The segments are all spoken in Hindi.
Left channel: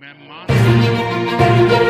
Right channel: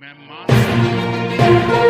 मैं मानता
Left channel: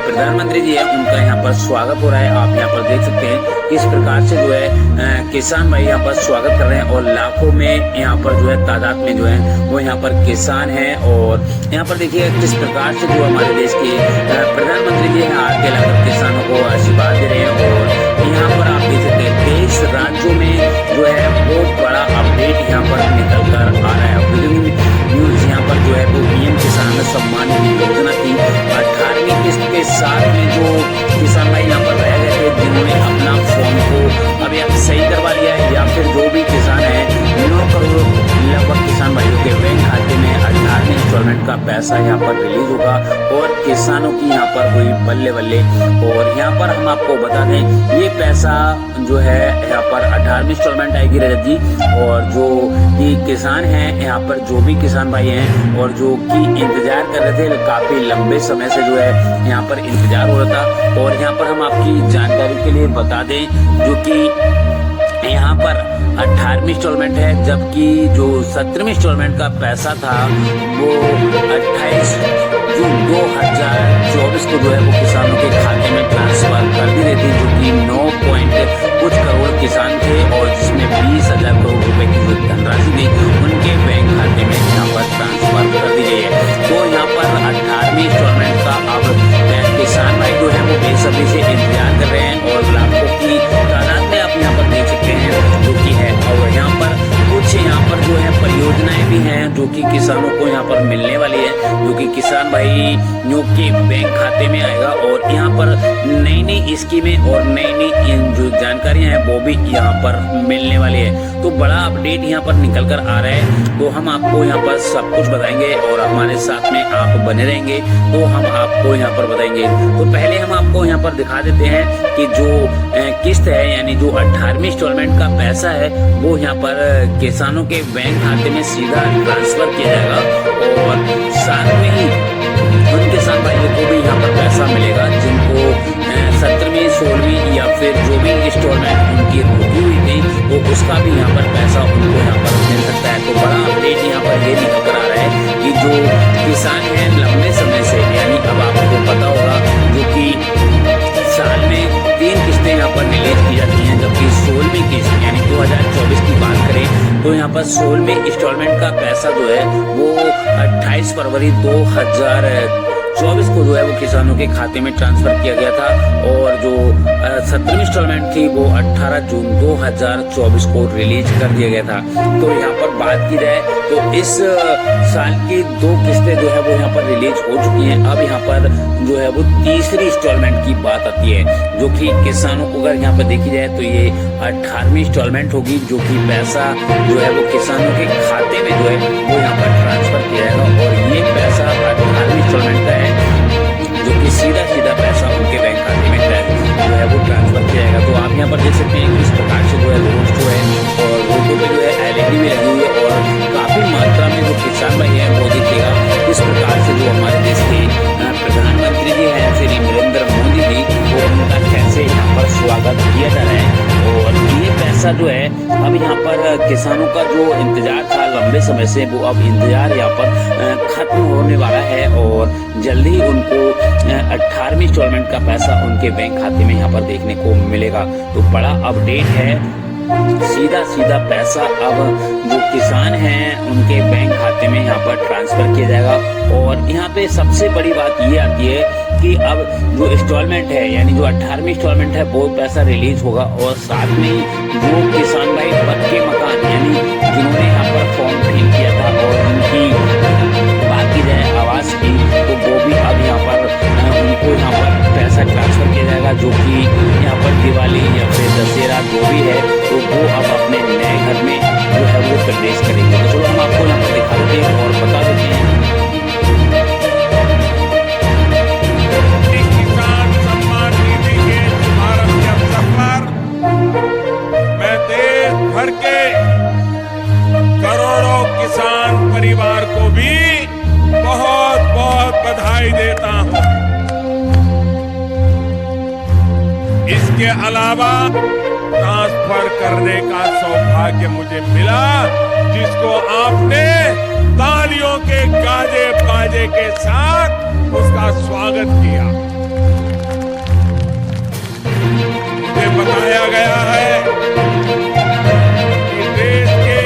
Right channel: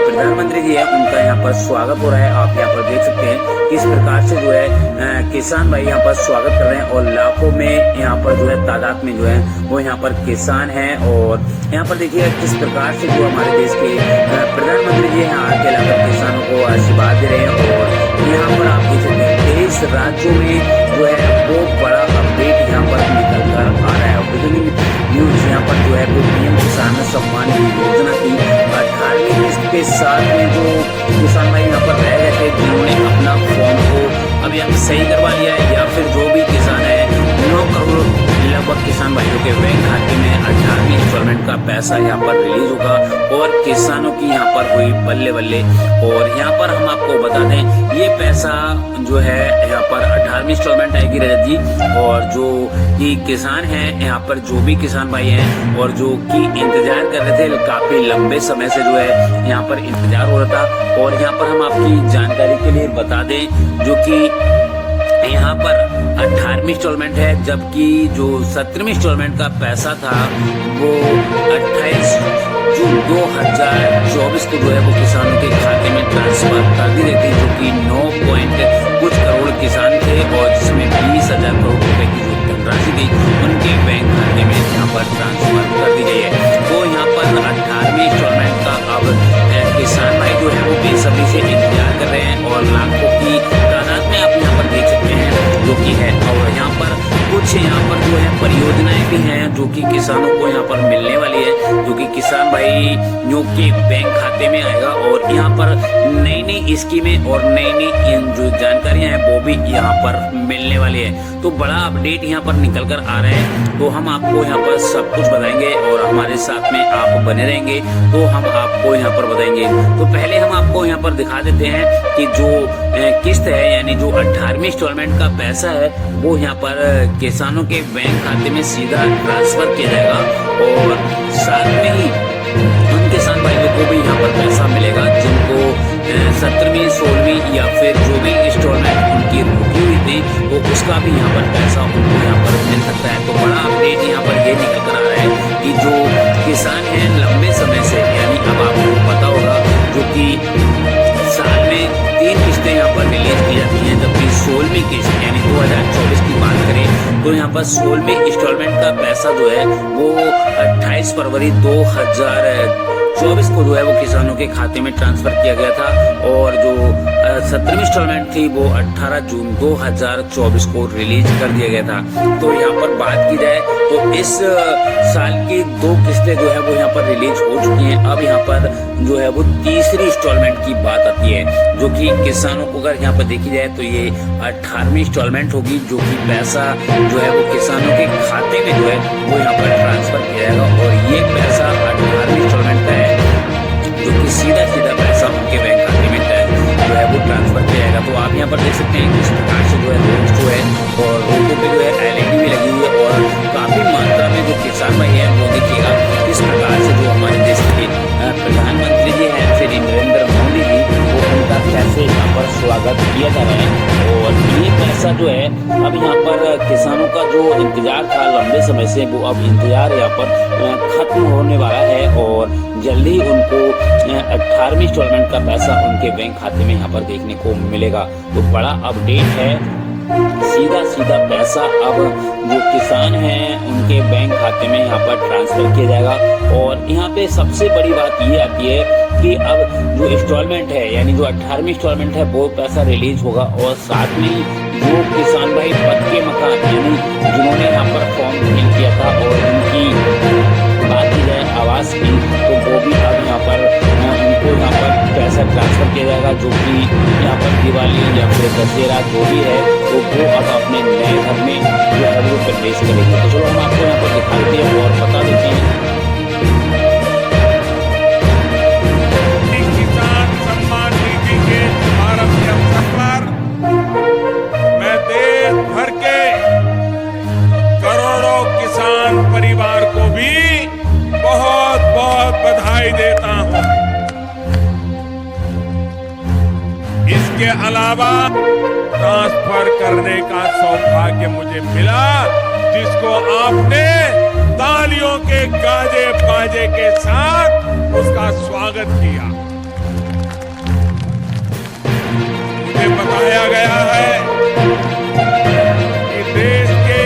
प्रधानमंत्री जी है उनका यहाँ पर स्वागत हो रहा है। आप यहाँ पर देख सकते हैं किस प्रकार से जो है किसान भाई यहाँ पर स्वागत कर रहे हैं और लाखों में यहाँ पर जो है तादाद में जो है वो यहाँ पर किसान हैं। और यहाँ पर देखिए किस प्रकार से जो हमारे देश के प्रधानमंत्री जी हैं आके लाकर किसानों को आशीर्वाद दे रहे हैं। और यहाँ पर आप देख सकते हैं 23 राज्यों में जो है बहुत बड़ा यहाँ पर निकल कर आ रहा है। ब्रेकिंग न्यूज यहाँ पर जो है वो पीएम किसान सम्मान निधि योजना की 18वीं किस्त के साथ में जो किसान भाई यहाँ पर रह गए थे, जिन्होंने अपना फॉर्म को अभी अब सही करवा लिया है, या फिर जो भी किसान है 9 करोड़ लगभग किसान भाइयों के बैंक खाते में 18वीं इंस्टॉलमेंट का पैसा यहाँ पर रिलीज होगा और किसानों की यहाँ पर हुई बल्ले बल्ले। और यहाँ पर हम आपको बता दें ये पैसा जो है यहाँ पर 18वीं इंस्टॉलमेंट आएगी रजत जी, और जो कि किसान हैं यहाँ पर जो भी किसान भाई हैं और जो कि इंतजार कर रहे थे काफी लंबे समय से जो है यहाँ पर इंतजार हो रहा था। और यहाँ पर हम आपकी जानकारी के लिए बता दें जो कि यहाँ पर 18वीं इंस्टॉलमेंट है, जबकि जो 17वीं इंस्टॉलमेंट का पैसा था वो 28 जून 2024 को जो है वो किसानों के खाते में ट्रांसफर कर दी गई थी, जो कि 9 कुछ करोड़ किसान थे और जिसमें 20,000 करोड़ रुपए की जो धनराशि थी उनके बैंक खाते में यहाँ पर ट्रांसफर कर दी गई है। तो यहाँ पर 18वीं इंस्टॉलमेंट का अब किसान भाई जो है वो बेसब्री से इंतजार कर रहे हैं और लाखों की तादाद में आप यहाँ पर देख सकते हैं जो कि है। और यहाँ पर कुछ यहाँ पर जो है परियोजनाएं भी हैं जो कि किसानों को यहाँ पर मिलने वाली है, जो कि किसान भाई के बैंक खाते में आएगा। और यहाँ पर नई नई स्कीमें और नई नई जो जानकारियां हैं वो भी यहाँ पर मिलने वाली है। तो बड़ा अपडेट यहाँ पर निकल कर आ रहा है, तो हम आपको यहाँ पर सब कुछ बताएंगे और हमारे साथ में आप बने रहेंगे तो हम आपको यहाँ पर बताएंगे। तो पहले हम आपको यहाँ पर दिखा देते हैं कि जो किस्त है यानी जो 18वीं इंस्टॉलमेंट का पैसा है वो यहाँ पर किसानों के बैंक खाते में सीधा ट्रांसफर किया जाएगा और साथ में ही उन किसान भाइयों को भी यहाँ पर पैसा मिलेगा जिनको 17वीं 16वीं या फिर जो भी इंस्टॉलमेंट उनकी रुकी हुई थी तो उसका भी यहाँ पर पैसा उनको यहाँ पर मिल सकता है। तो बड़ा अपडेट यहाँ पर ये निकल कर आ रहा है कि जो किसान हैं लंबे समय से, यानी अब आपको पता होगा जो कि साल में 3 किस्तें यहाँ पर रिलीज की जाती हैं, जबकि 16वीं किस्त यानी 2024 की बात करें तो यहाँ पर 16वीं इंस्टॉलमेंट का पैसा जो है वो 28 फरवरी 2024 को जो है वो किसानों के खाते में ट्रांसफर किया गया था और जो 17वीं इंस्टॉलमेंट थी वो 18 जून 2024 को रिलीज कर दिया गया था। तो यहाँ पर बात की जाए तो इस साल की 2 किस्तें जो है वो यहाँ पर रिलीज हो चुकी हैं। अब यहाँ पर जो है वो तीसरी इंस्टॉलमेंट की बात आती है जो कि किसानों को अगर यहाँ पर देखी जाए तो ये 18वीं इंस्टॉलमेंट होगी, जो कि पैसा जो है वो किसानों के खाते में जो है वो यहाँ पर ट्रांसफर किया जाएगा और ये पैसा 18वीं इंस्टॉलमेंट का है जो कि सीधा सीधा पैसा उनके बैंक खाते में जो है वो ट्रांसफर किया जाएगा। तो आप यहाँ पर देख सकते हैं किस प्रकार से जो है रोड जो है और रोडों पे जो है एलईडी भी लगी हुई है और काफी मात्रा में जो किसान भाई हैं वो देखिएगा किस प्रकार से जो हमारे देश के प्रधानमंत्री जी हैं श्री नरेंद्र मोदी जी वो उनका कैसे यहाँ पर स्वागत किया जा रहा है। और ये पैसा जो है अब यहाँ पर किसानों का जो इंतजार था लंबे समय से वो अब इंतजार यहाँ पर खत्म होने वाला है और जल्दी उनको 18वीं इंस्टॉलमेंट का पैसा उनके बैंक खाते में यहाँ पर देखने को मिलेगा। तो बड़ा अपडेट है, सीधा सीधा पैसा अब जो किसान हैं उनके बैंक खाते में यहाँ पर ट्रांसफर किया जाएगा। और यहाँ पे सबसे बड़ी बात ये आती है कि अब जो इंस्टॉलमेंट है यानी जो 18वीं इंस्टॉलमेंट है वो पैसा रिलीज होगा और साथ में जो किसान भाई पक्के मकान यानी जिन्होंने यहाँ पर फॉर्म फिल किया था और उनकी बात की जाए आवास की तो वो भी अब यहाँ पर उनको यहाँ पर पैसा ट्रांसफर किया जाएगा, जो कि यहाँ पर दिवाली या फिर दशहरा जो भी है तो वो अब अपने नए घर में जो है वो प्रवेश करेंगे। तो चलो हम आपको यहाँ पर दिखा देते हैं और बता देते हैं। किसान सम्मान निधि के शुभारंभ के अवसर पर मैं देश भर के करोड़ों किसान परिवार को भी बहुत बहुत बधाई देता हूं। इसके अलावा ट्रांसफर करने का सौभाग्य मुझे मिला जिसको आपने तालियों के गाजे बाजे के साथ उसका स्वागत किया। मुझे बताया गया है कि देश के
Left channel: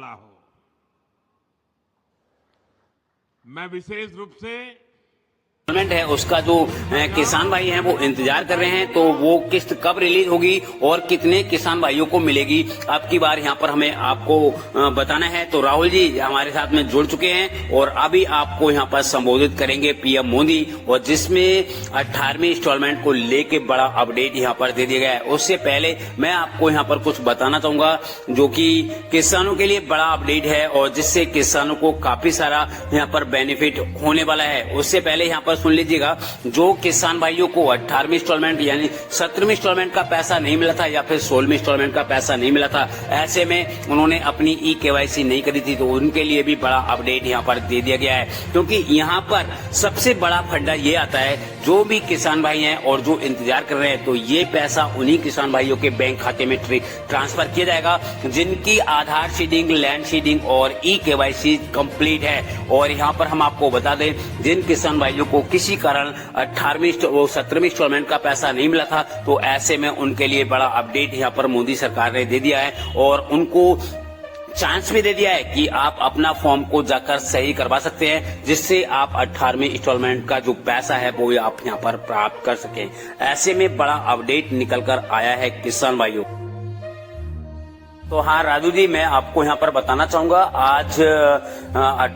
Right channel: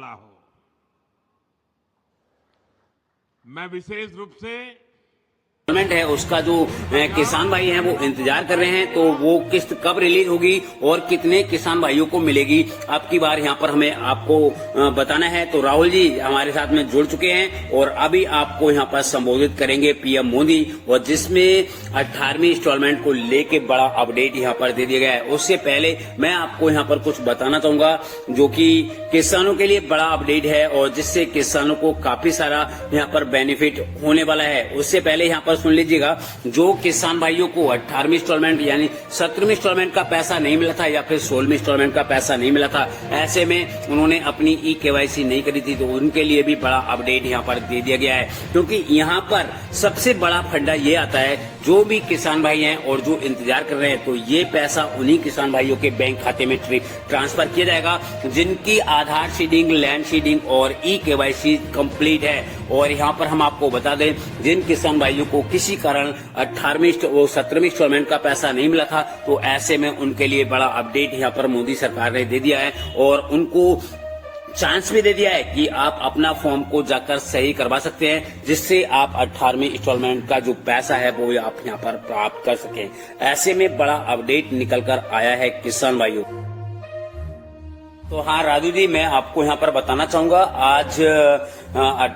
वाला हो। मैं विशेष रूप से है उसका जो किसान भाई हैं वो इंतजार कर रहे हैं, तो वो किस्त कब रिलीज होगी और कितने किसान भाइयों को मिलेगी अब की बार यहाँ पर हमें आपको बताना है। तो राहुल जी हमारे साथ में जुड़ चुके हैं और अभी आपको यहाँ पर संबोधित करेंगे पीएम मोदी, और जिसमें 18वीं इंस्टॉलमेंट को लेके बड़ा अपडेट यहाँ पर दे दिया गया है। उससे पहले मैं आपको यहाँ पर कुछ बताना चाहूंगा जो कि किसानों के लिए बड़ा अपडेट है और जिससे किसानों को काफी सारा यहाँ पर बेनिफिट होने वाला है। उससे पहले यहाँ पर सुन लीजिएगा, जो किसान भाइयों को 18वीं इंस्टॉलमेंट यानी 17वीं इंस्टॉलमेंट का पैसा नहीं मिला था या फिर 16वीं इंस्टॉलमेंट का पैसा नहीं मिला था, ऐसे में उन्होंने अपनी KYC नहीं करी थी, तो उनके लिए भी बड़ा अपडेट यहाँ पर दे दिया गया है। क्योंकि यहाँ पर सबसे बड़ा फंडा ये आता है, जो भी किसान भाई हैं और जो इंतजार कर रहे हैं, तो ये पैसा उन्हीं किसान भाइयों के बैंक खाते में ट्रांसफर किया जाएगा जिनकी आधार सीडिंग, लैंड सीडिंग और KYC कंप्लीट है। और यहाँ पर हम आपको बता दें, जिन किसान भाइयों को किसी कारण 18वीं और 17वीं इंस्टॉलमेंट का पैसा नहीं मिला था, तो ऐसे में उनके लिए बड़ा अपडेट यहाँ पर मोदी सरकार ने दे दिया है और उनको चांस भी दे दिया है कि आप अपना फॉर्म को जाकर सही करवा सकते हैं, जिससे आप 18वीं इंस्टॉलमेंट का जो पैसा है वो आप यहाँ पर प्राप्त कर सकें। ऐसे में बड़ा अपडेट निकल कर आया है किसान भाइयों। तो हाँ राजू जी, मैं आपको यहाँ पर बताना चाहूंगा, आज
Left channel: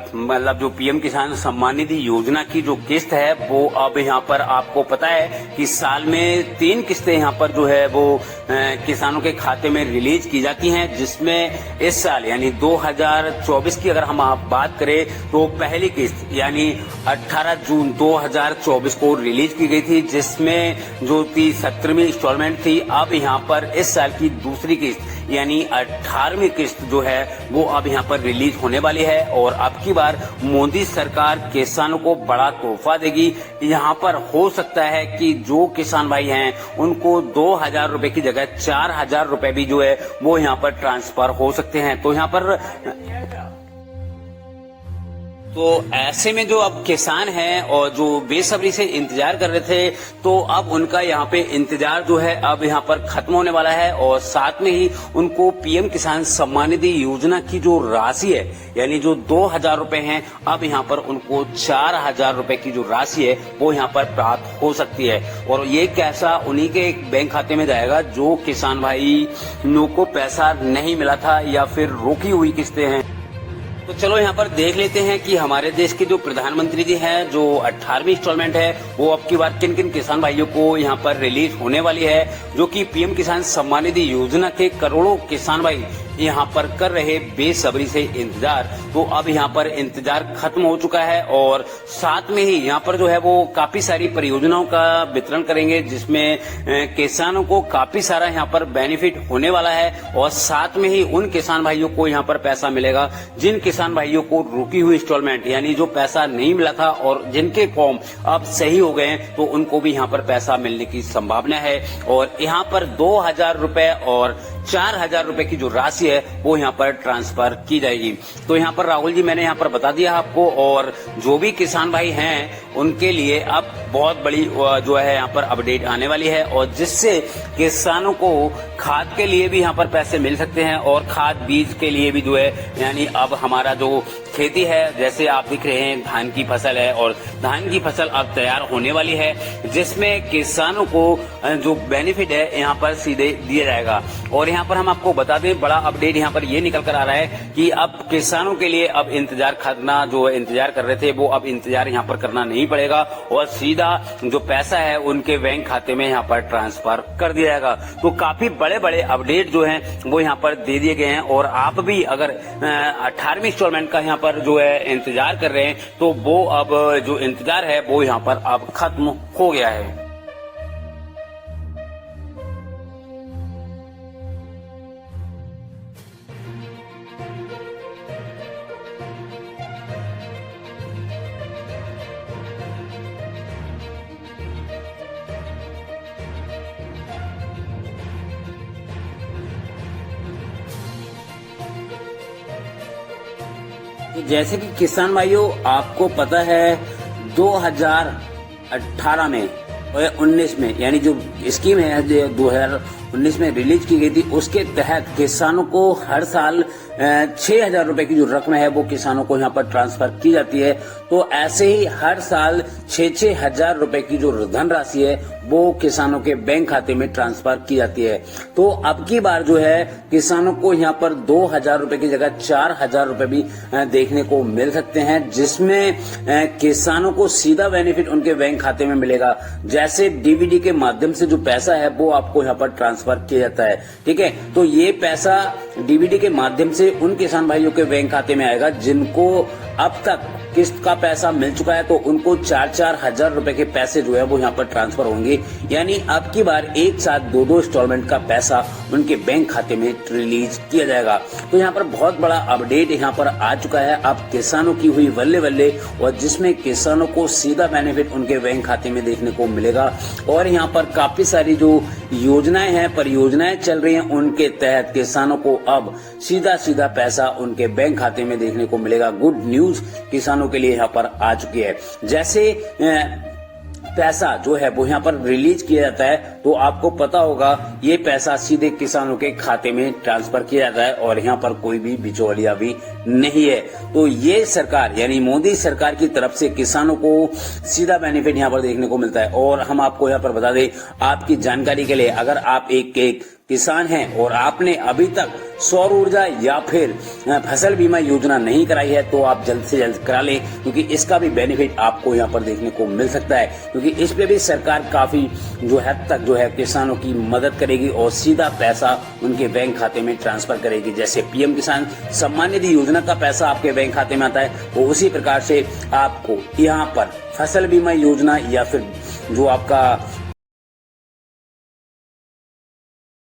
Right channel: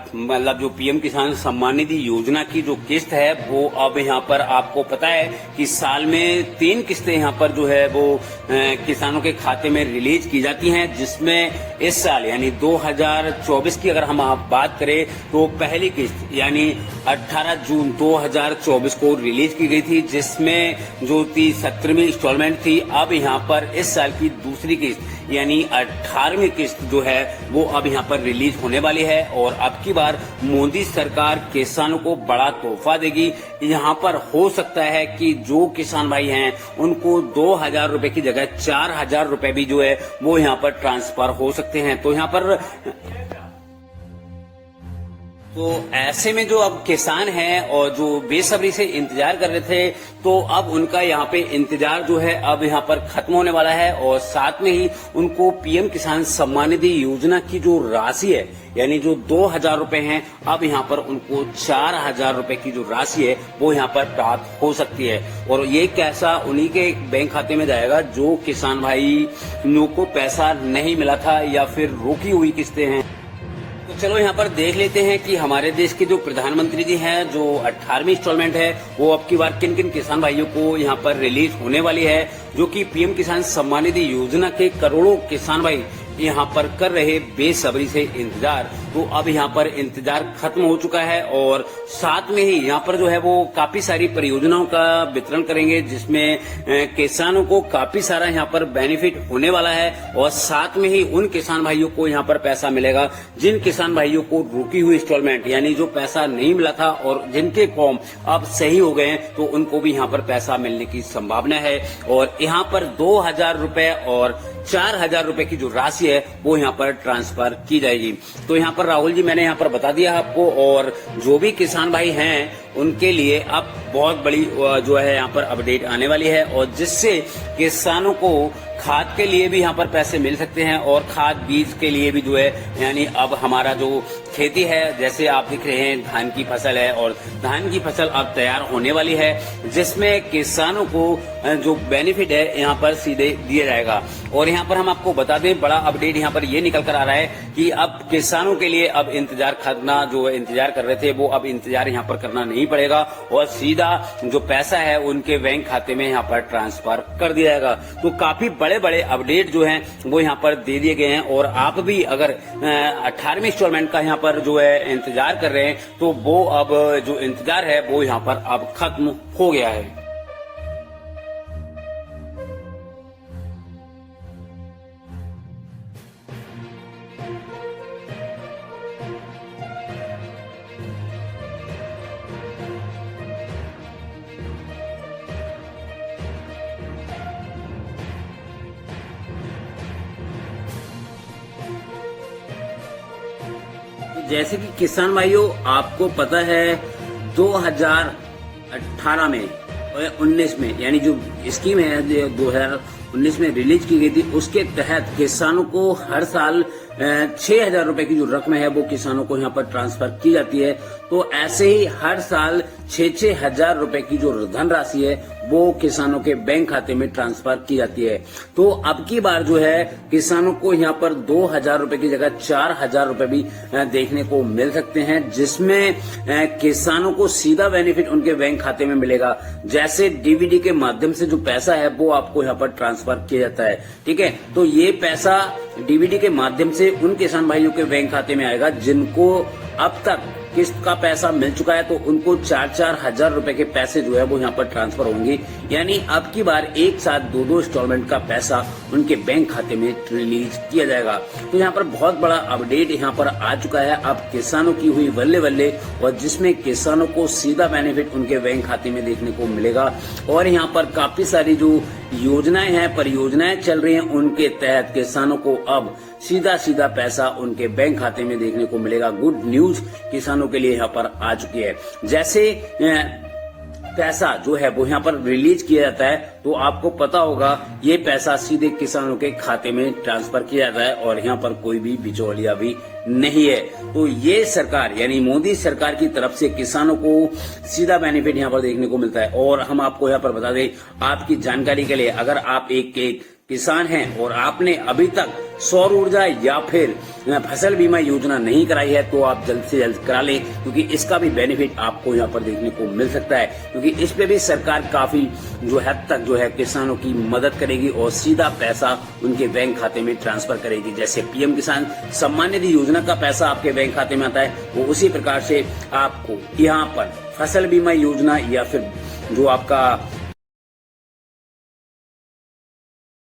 मतलब जो पीएम किसान सम्मान निधि योजना की जो किस्त है वो अब यहाँ पर आपको पता है कि साल में 3 किस्तें यहाँ पर जो है वो किसानों के खाते में रिलीज की जाती हैं, जिसमें इस साल यानी 2024 की अगर हम आप बात करें तो पहली किस्त यानी 18 जून 2024 को रिलीज की गई थी, जिसमें जो 17वीं इंस्टॉलमेंट थी। अब यहाँ पर इस साल की दूसरी किस्त यानी 18वीं किस्त जो है वो अब यहाँ पर रिलीज होने वाली है और अब की बार मोदी सरकार किसानों को बड़ा तोहफा देगी। यहाँ पर हो सकता है कि जो किसान भाई हैं उनको 2,000 रुपए की जगह 4,000 रुपए भी जो है वो यहाँ पर ट्रांसफर हो सकते हैं। तो यहाँ पर तो ऐसे में जो अब किसान हैं और जो बेसब्री से इंतजार कर रहे थे, तो अब उनका यहाँ पे इंतजार जो है अब यहाँ पर खत्म होने वाला है और साथ में ही उनको पीएम किसान सम्मान निधि योजना की जो राशि है यानी जो 2,000 रुपए हैं, अब यहाँ पर उनको 4,000 रुपए की जो राशि है वो यहाँ पर प्राप्त हो सकती है। और ये कैसा उन्हीं के बैंक खाते में जाएगा जो किसान भाई को पैसा नहीं मिला था या फिर रोकी हुई किस्तें हैं। तो चलो यहाँ पर देख लेते हैं कि हमारे देश के जो प्रधानमंत्री जी हैं, जो 18वीं इंस्टॉलमेंट है वो अब की बार किन किन किसान भाइयों को यहाँ पर रिलीज होने वाली है, जो कि पीएम किसान सम्मान निधि योजना के करोड़ों किसान भाई यहाँ पर कर रहे बेसब्री से इंतजार। तो अब यहाँ पर इंतजार खत्म हो चुका है और साथ में ही यहाँ पर जो है वो काफी सारी परियोजनाओं का वितरण करेंगे, जिसमें किसानों को काफी सारा यहाँ पर बेनिफिट होने वाला है और साथ में ही उन किसान भाइयों को यहाँ पर पैसा मिलेगा जिन किसान भाइयों को रुकी हुई इंस्टॉलमेंट यानी जो पैसा नहीं मिला था और जिनके फॉर्म अब सही हो गए हैं, तो उनको भी यहाँ पर पैसा मिलने की संभावना है। और यहाँ पर 2,000 रुपए और 4,000 रुपए की जो राशि है वो यहाँ पर ट्रांसफर की जाएगी। तो यहाँ पर राहुल जी मैंने यहाँ पर बता दिया आपको, और जो भी किसान भाई हैं उनके लिए अब बहुत बड़ी जो है यहाँ पर अपडेट आने वाली है और जिससे किसानों को खाद के लिए भी यहाँ पर पैसे मिल सकते हैं और खाद बीज के लिए भी जो है, यानी अब हमारा जो खेती है, जैसे आप दिख रहे हैं धान की फसल है और धान की फसल अब तैयार होने वाली है, जिसमें किसानों को जो बेनिफिट है यहाँ पर सीधे दिया जाएगा। और यहाँ पर हम आपको बता दें, बड़ा अपडेट यहाँ पर ये निकल कर आ रहा है कि अब किसानों के लिए अब इंतजार करना, जो इंतजार कर रहे थे वो अब इंतजार यहाँ पर करना नहीं पड़ेगा और सीधा जो पैसा है उनके बैंक खाते में यहाँ पर ट्रांसफर कर दिया जाएगा। तो काफी बड़े बड़े अपडेट जो हैं वो यहाँ पर दे दिए गए हैं और आप भी अगर 18वीं इंस्टॉलमेंट का यहाँ पर जो है इंतजार कर रहे हैं, तो वो अब जो इंतजार है वो यहाँ पर अब खत्म हो गया है। तो जैसे कि किसान भाइयों आपको पता है 2018 में 2019 में, यानी जो स्कीम है जो 2019 में रिलीज की गई थी, उसके तहत किसानों को हर साल 6,000 रुपए की जो रकम है वो किसानों को यहाँ पर ट्रांसफर की जाती है। तो ऐसे ही हर साल 6-6 हजार रुपए की जो धनराशि है वो किसानों के बैंक खाते में ट्रांसफर की जाती है। तो अब की बार जो है किसानों को यहाँ पर 2,000 रुपए की जगह 4,000 रुपए भी देखने को मिल सकते हैं, जिसमें किसानों को सीधा बेनिफिट उनके बैंक खाते में मिलेगा। जैसे डीबीडी के माध्यम से जो पैसा है वो आपको यहाँ पर ट्रांसफर किया जाता है, ठीक है। तो ये पैसा डीबीडी के माध्यम से उन किसान भाइयों के बैंक खाते में आएगा जिनको अब तक किस्त का पैसा मिल चुका है, तो उनको 4-4 हजार रुपए के पैसे जो है वो यहाँ पर ट्रांसफर होंगे। यानी अब की बार एक साथ 2-2 इंस्टॉलमेंट का पैसा उनके बैंक खाते में रिलीज किया जाएगा। तो यहाँ पर बहुत बड़ा अपडेट यहाँ पर आ चुका है अब किसानों की हुई बल्ले बल्ले, और जिसमें किसानों को सीधा बेनिफिट उनके बैंक खाते में देखने को मिलेगा। और यहाँ पर काफी सारी जो योजनाएं हैं, परियोजनाएं चल रही हैं, उनके तहत किसानों को अब सीधा सीधा पैसा उनके बैंक खाते में देखने को मिलेगा। गुड न्यूज किसानों के लिए यहाँ पर आ चुकी है। जैसे पैसा जो है वो यहाँ पर रिलीज किया जाता है, तो आपको पता होगा ये पैसा सीधे किसानों के खाते में ट्रांसफर किया जाता है और यहाँ पर कोई भी बिचौलिया भी नहीं है। तो ये सरकार यानी मोदी सरकार की तरफ से किसानों को सीधा बेनिफिट यहाँ पर देखने को मिलता है। और हम आपको यहाँ पर बता दें, आपकी जानकारी के लिए, अगर आप एक किसान हैं और आपने अभी तक सौर ऊर्जा या फिर फसल बीमा योजना नहीं कराई है, तो आप जल्द से जल्द करा लें, क्योंकि इसका भी बेनिफिट आपको यहाँ पर देखने को मिल सकता है। क्योंकि इस पे भी सरकार काफी जो हद तक जो है किसानों की मदद करेगी और सीधा पैसा उनके बैंक खाते में ट्रांसफर करेगी। जैसे पीएम किसान सम्मान निधि योजना का पैसा आपके बैंक खाते में आता है, वो उसी प्रकार से आपको यहाँ पर फसल बीमा योजना या फिर जो आपका